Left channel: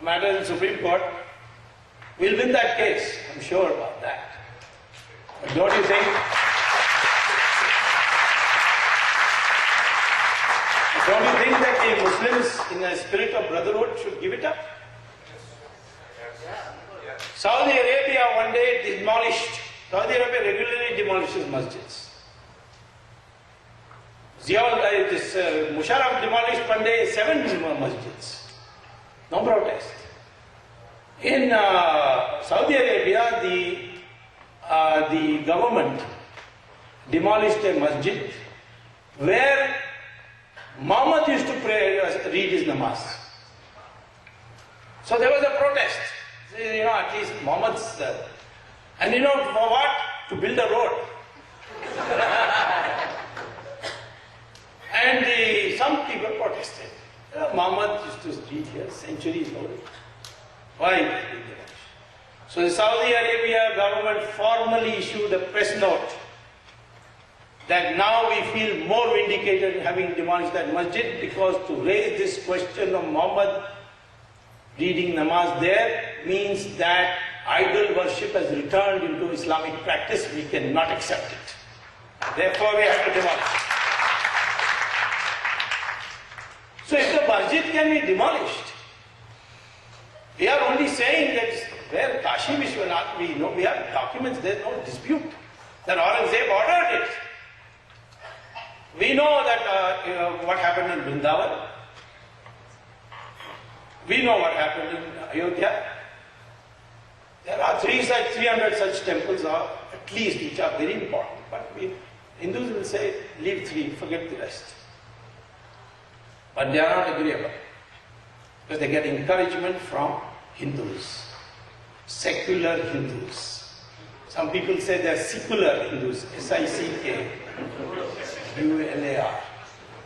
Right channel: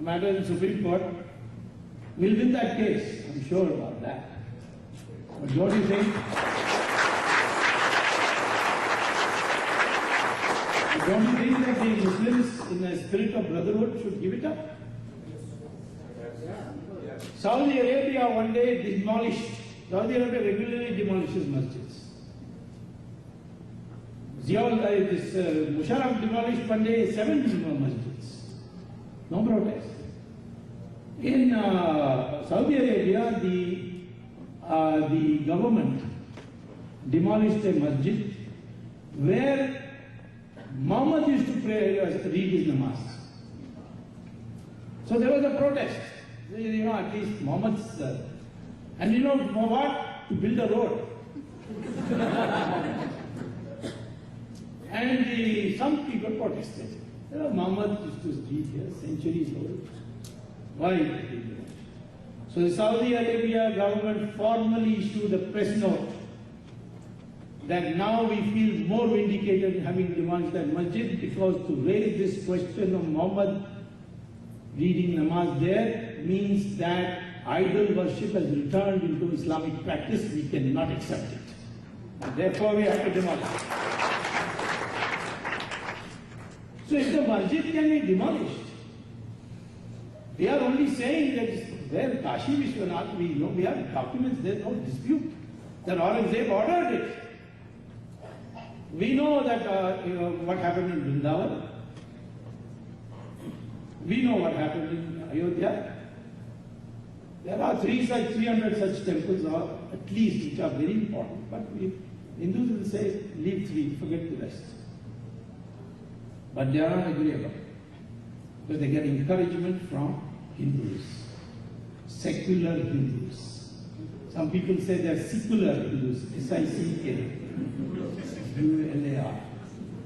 matter in Supreme Court, we'll win that case. I'm sure about that. But don't you think? Don't you think that the Muslims, in a spirit of brotherhood, should give it up? Saudi Arabia one day demolished. Saudi Arabia regularly demolishes masjids. Musharraf demolished one day 7 masjids. No protest. In Saudi Arabia, the government demolished a masjid where Muhammad used to pray, read his namaz. So there was a protest. At least Muhammad's. And for what? To build a road. And some people protested. Muhammad used to read here, centuries old. Why? So the Saudi Arabia government formally issued a press note that now we feel more vindicated having demolished that masjid, because to raise this question of Muhammad reading namaz there means that idol worship has returned into Islamic practice. We cannot accept it. Therefore, we have to demolish it. So if the masjid can be demolished, we are only saying that where Kashi Vishwanath, we know, we have documents, there is no dispute that Aurangzeb ordered it. We know that what happened in Vrindavan. We know what happened in Ayodhya. There are 300 such temples, or at least, which are very important. But Hindus will say, leave 3, forget the rest. But they are not agreeable, because they get encouragement from Hindus, secular Hindus. Some people say they are secular Hindus, S-I-C-K. U-L-A-R,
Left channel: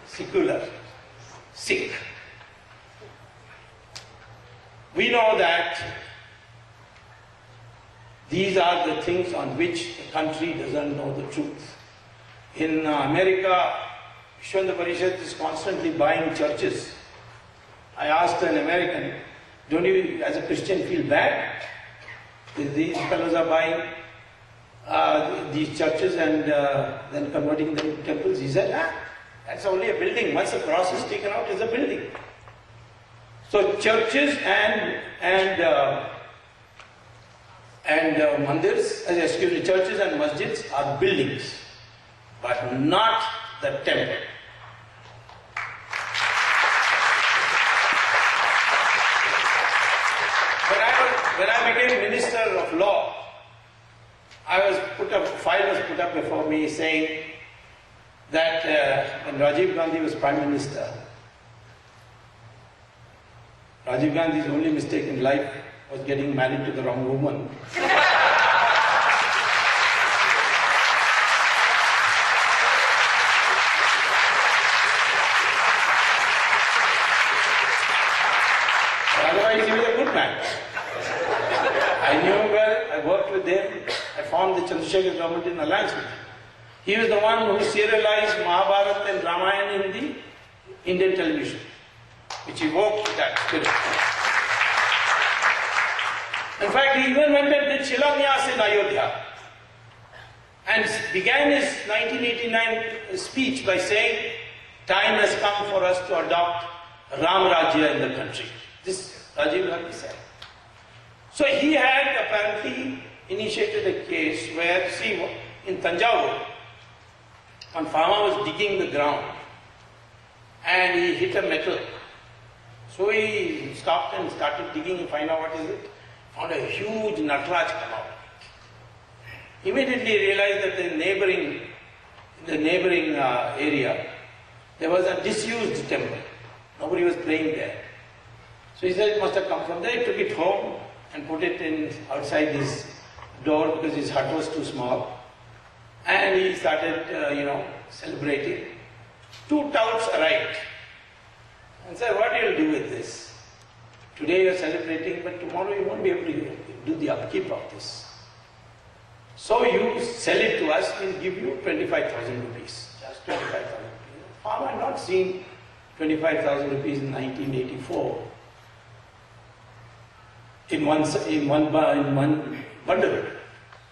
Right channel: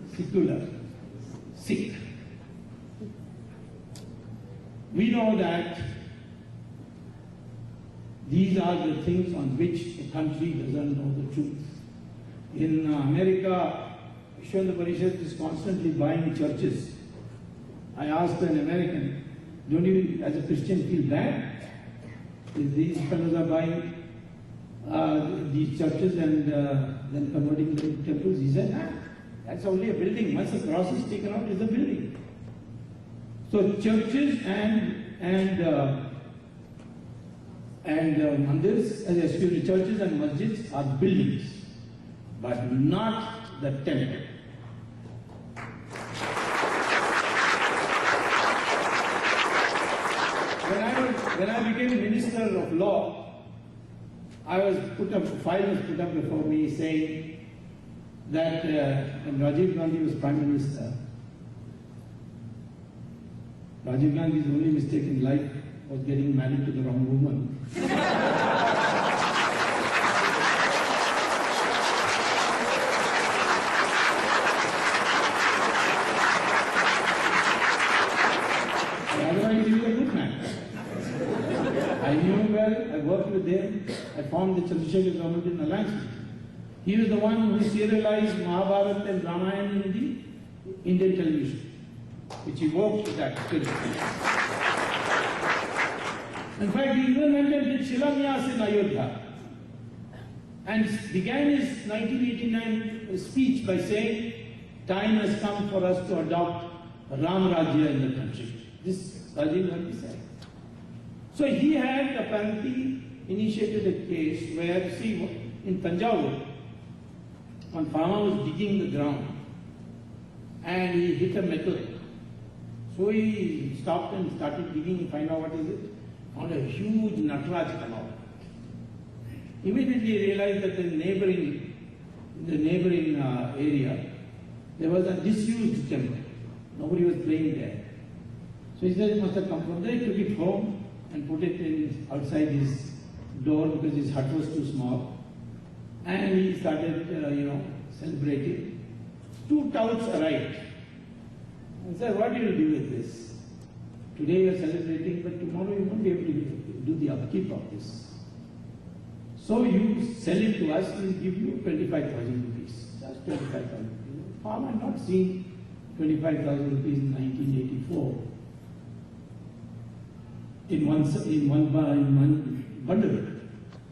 secular, Sikh. We know that these are the things on which the country doesn't know the truth. In America, Vishwanath Parishad is constantly buying churches. I asked an American, don't you as a Christian feel bad? These fellows are buying these churches and then converting them to temples. He said, that's only a building. Once the cross is taken out, it's a building. So churches and mandirs, churches and masjids are buildings, but not the temple. When I became Minister of Law, a file was put up before me saying that when Rajiv Gandhi was Prime Minister, Rajiv Gandhi's only mistake in life was getting married to the wrong woman. Otherwise, he was a good man. I knew him well, I worked with him, I formed the Chandrasekhar government in alliance with him. He was the one who serialized Mahabharata and Ramayana in the Indian television, which evoked that spirit. In fact, he even went and did Shilanyas in Ayodhya and began his 1989 speech by saying, time has come for us to adopt Ram Rajya in the country. This Rajiv Gandhi said. So he had apparently initiated a case where, see, in Tanjavur, one farmer was digging the ground and he hit a metal. So he stopped and started digging and find out what is it. Found a huge Nataraj come out. Immediately realized that in the neighboring area, there was a disused temple. Nobody was praying there. So he said it must have come from there. He took it home and put it in outside his door because his hut was too small. And he started, celebrating. 2 touts arrived and said, what do you do with this? Today you are celebrating, but tomorrow you won't be able to do the upkeep of this. So you sell it to us, we'll give you 25,000 rupees. Just 25,000 rupees. Farmer had not seen 25,000 rupees in 1984. in one bundle.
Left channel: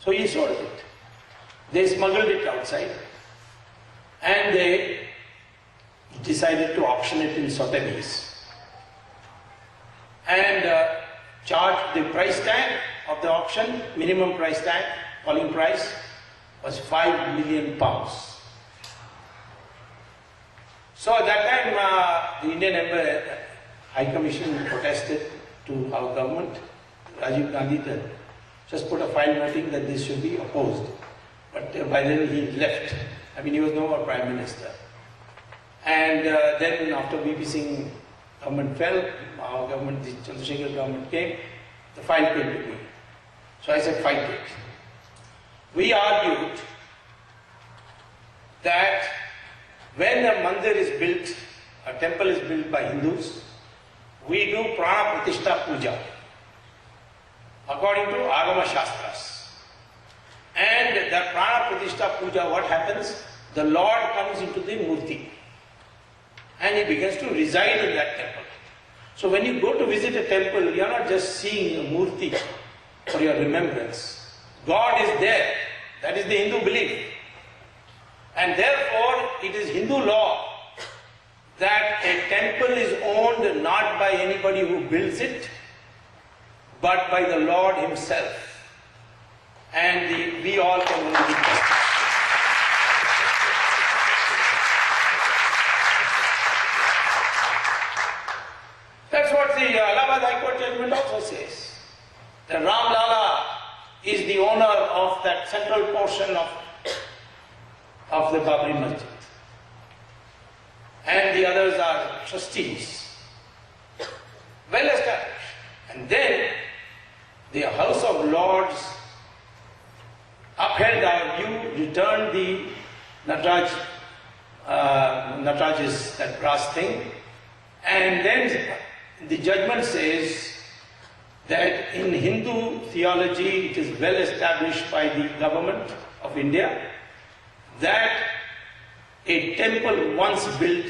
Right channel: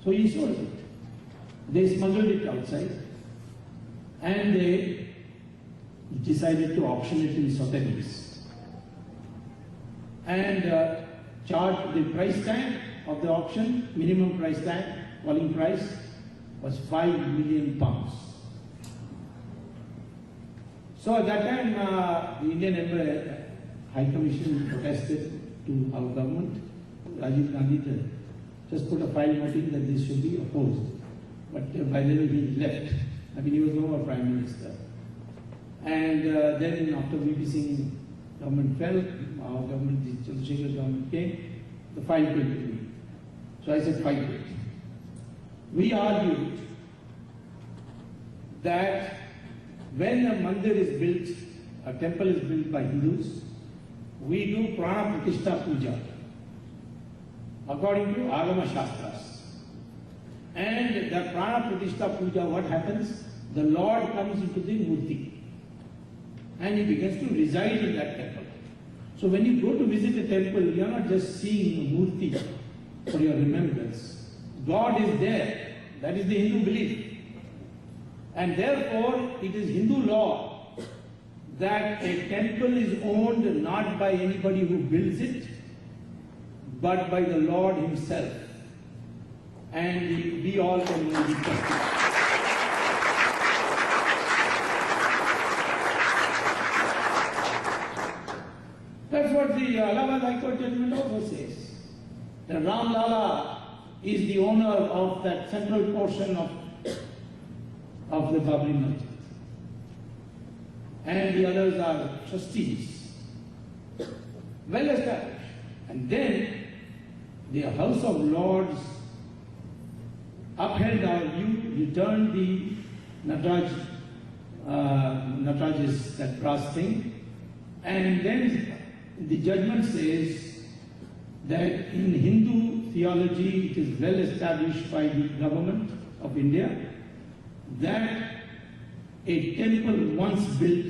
So he sold it. They smuggled it outside and they decided to auction it in Sotheby's and charged the price tag of the auction, minimum price tag, calling price was £5 million. So at that time the Indian High Commission protested to our government. Rajiv Gandhi just put a file noting that this should be opposed. But by then he left. I mean, he was no more Prime Minister. And then after VP Singh government fell, our government, the Chandrasekhar government came, the file came to me. So I said, fight it. We argued that when a mandir is built, a temple is built by Hindus, we do Prana Pratishtha Puja according to Agama Shastras. And the Prana Pratishtha Puja, what happens? The Lord comes into the Murti and he begins to reside in that temple. So when you go to visit a temple, you are not just seeing a Murti for your remembrance. God is there. That is the Hindu belief. And therefore, it is Hindu law that a temple is owned not by anybody who builds it, but by the Lord himself. And we all can only be trustees. That's what the Allahabad High Court judgment also says. That Ram Lala is the owner of that central portion of the Babri Masjid. And the others are trustees. Well established. And then the House of Lords upheld our view, returned the Nataraj's that brass thing, and then the judgment says that in Hindu theology it is well established by the government of India that a temple once built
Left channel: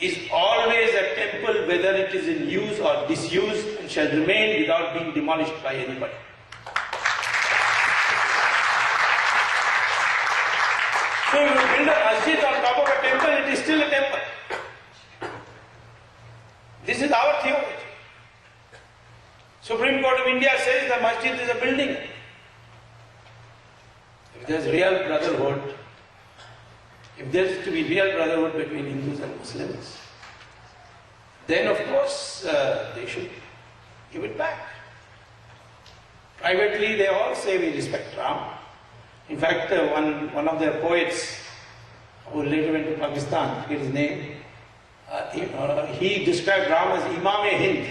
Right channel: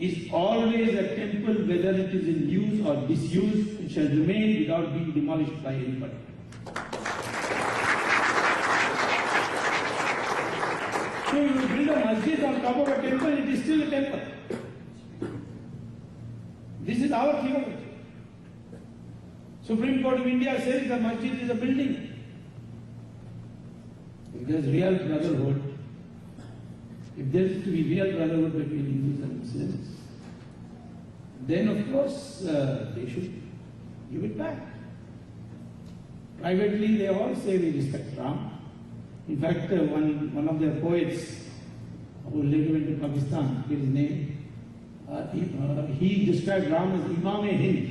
is always a temple whether it is in use or disuse and shall remain without being demolished by anybody. So if you build a masjid on top of a temple, it is still a temple. This is our theology. Supreme Court of India says the masjid is a building. If there is real brotherhood, if there is to be real brotherhood between Hindus and Muslims, then of course they should give it back. Privately they all say we respect Ram. In fact, one of their poets who later went to Pakistan, I forget his name, he described Ram as Imam-e-Hind.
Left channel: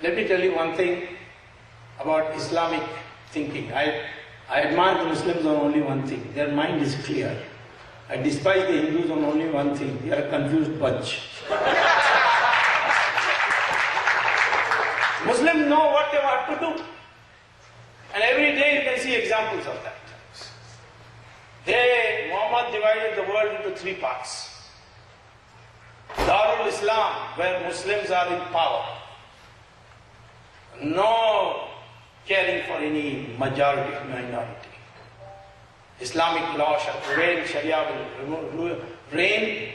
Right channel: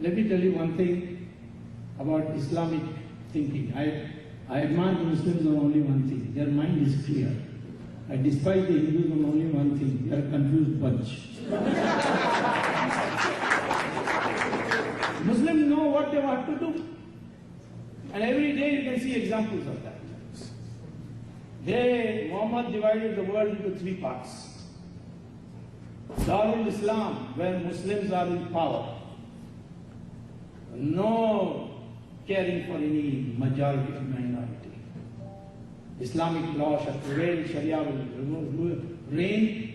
Let me tell you one thing about Islamic thinking. I admire the Muslims on only one thing. Their mind is clear. I despise the Hindus on only one thing. They are a confused bunch. Muslims know what they want to do. And every day you can see examples of that. Muhammad divided the world into three parts. Darul Islam, where Muslims are in power. No caring for any majority or minority. Islamic law shall prevail, Sharia will reign.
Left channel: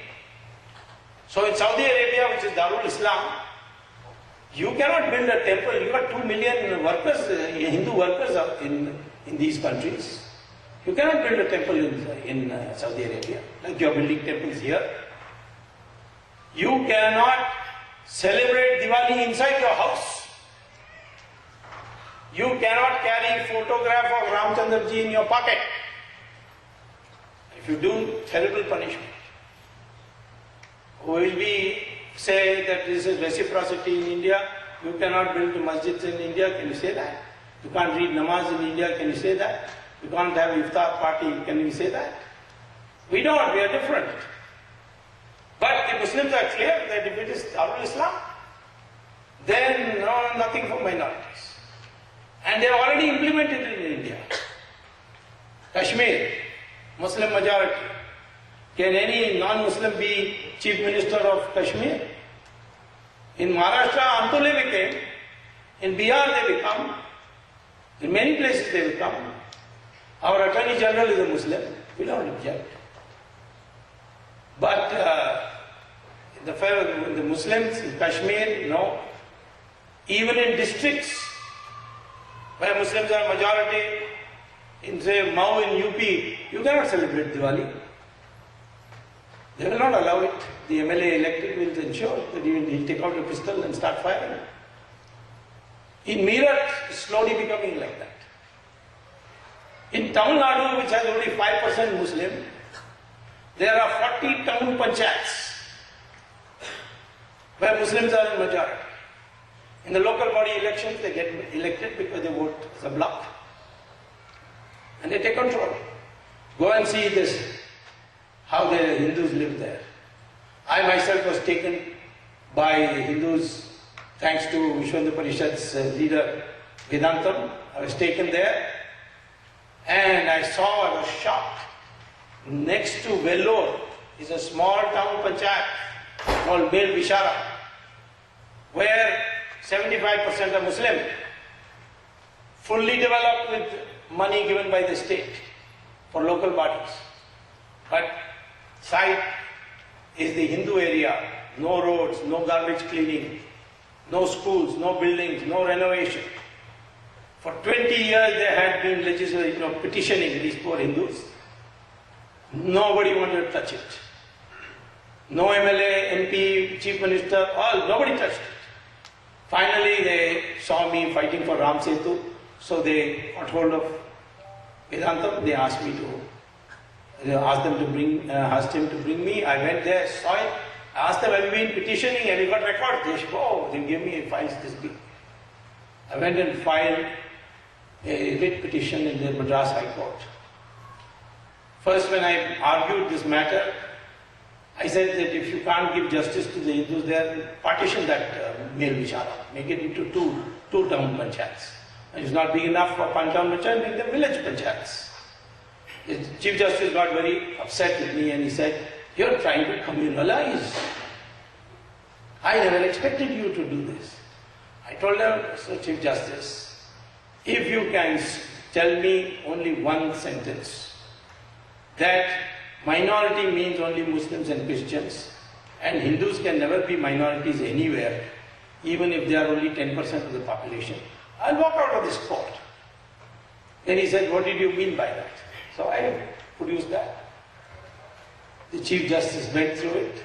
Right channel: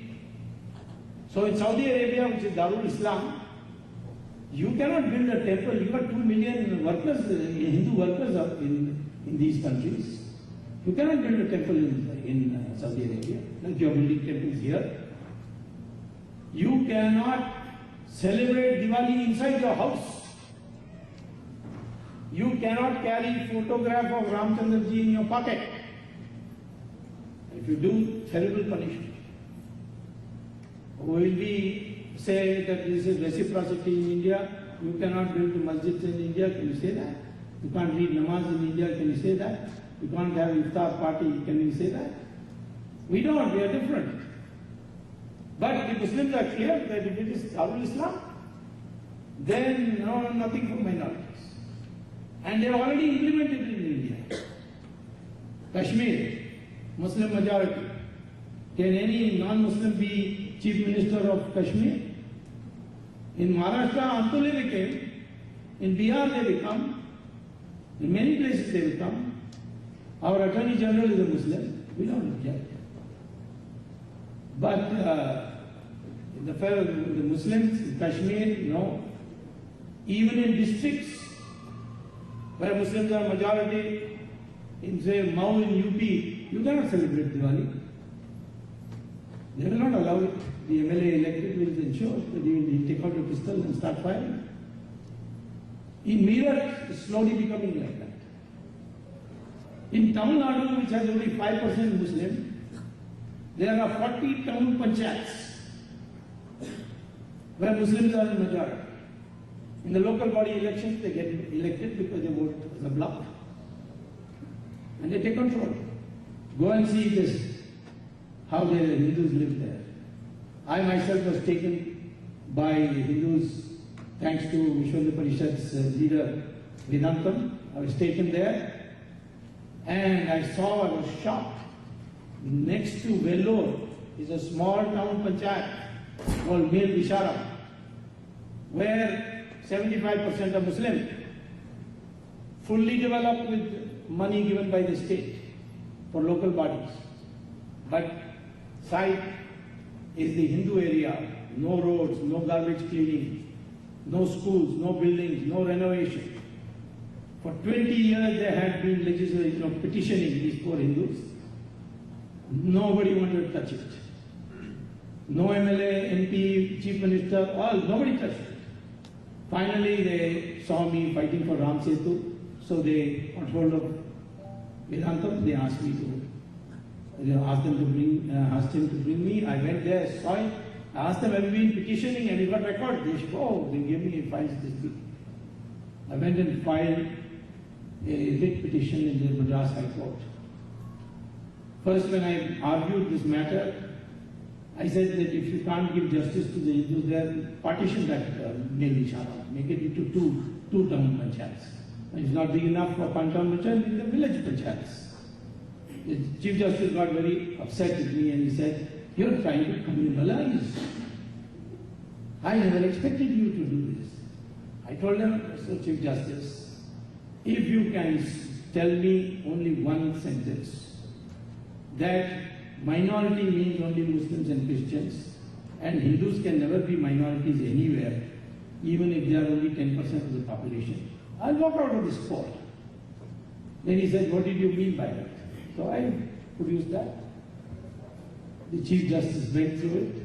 So in Saudi Arabia, which is Darul Islam, you cannot build a temple. You got 2 million workers, Hindu workers in these countries. You cannot build a temple in Saudi Arabia, like you are building temples here. You cannot celebrate Diwali inside your house. You cannot carry a photograph of Ramchandra ji in your pocket. If you do, terrible punishment. Will we say that this is reciprocity in India? You cannot build masjids in India, can you say that? You can't read namaz in India, can you say that? You can't have iftar party, can you say that? We don't, we are different. But the Muslims are clear that if it is Darul Islam, then no, nothing for minorities. And they have already implemented it in India. Kashmir, Muslim majority. Can any non-Muslim be Chief Minister of Kashmir? In Maharashtra, Antole became, in Bihar they become, in many places they become. Our Attorney General is a Muslim, we don't object. But the Muslims in Kashmir, no. Even in districts where Muslims are majority, in say Mau in UP, you cannot celebrate Diwali. They will not allow it. The MLA elected will ensure that he will take out a pistol and start firing. In Meerut, it's slowly becoming like that. In Tamil Nadu, which has only 5% Muslim, there are 40 town panchayats where Muslims are in majority. In the local body elections, they get elected because they vote as a bloc. And they take control. Go and see this, how the Hindus live there. I myself was taken by Hindus, thanks to Vishwa Hindu Parishad's leader Vedantam. I was taken there and I was shocked. Next to Vellore is a small town panchayat called Mel Visharam, where 75% are Muslim, fully developed with money given by the state for local bodies. But side is the Hindu area, no roads, no garbage cleaning, no schools, no buildings, no renovation. For 20 years there had been legislation, petitioning these poor Hindus. Nobody wanted to touch it. No MLA, MP, Chief Minister, nobody touched it. Finally they saw me fighting for Ram Setu, so they got hold of Vedantam. They asked me to, asked him to bring me. I went there, saw it. I asked them, have you been petitioning? Have you got records? They said, they gave me files this big. I went and filed a writ petition in the Madras High Court. First, when I argued this matter, I said that if you can't give justice to the Hindus there, partition that Mel Visharam, make it into two town panchayats. It's not big enough for one town panchayat, make them village panchayats. The Chief Justice got very upset with me and he said, you're trying to communalize. I never expected you to do this. I told her, Sir Chief Justice, if you can tell me only one sentence, that minority means only Muslims and Christians, and Hindus can never be minorities anywhere, even if they are only 10% of the population, I'll walk out of this court. Then he said, what did you mean by that? So I produced that. The Chief Justice read through it.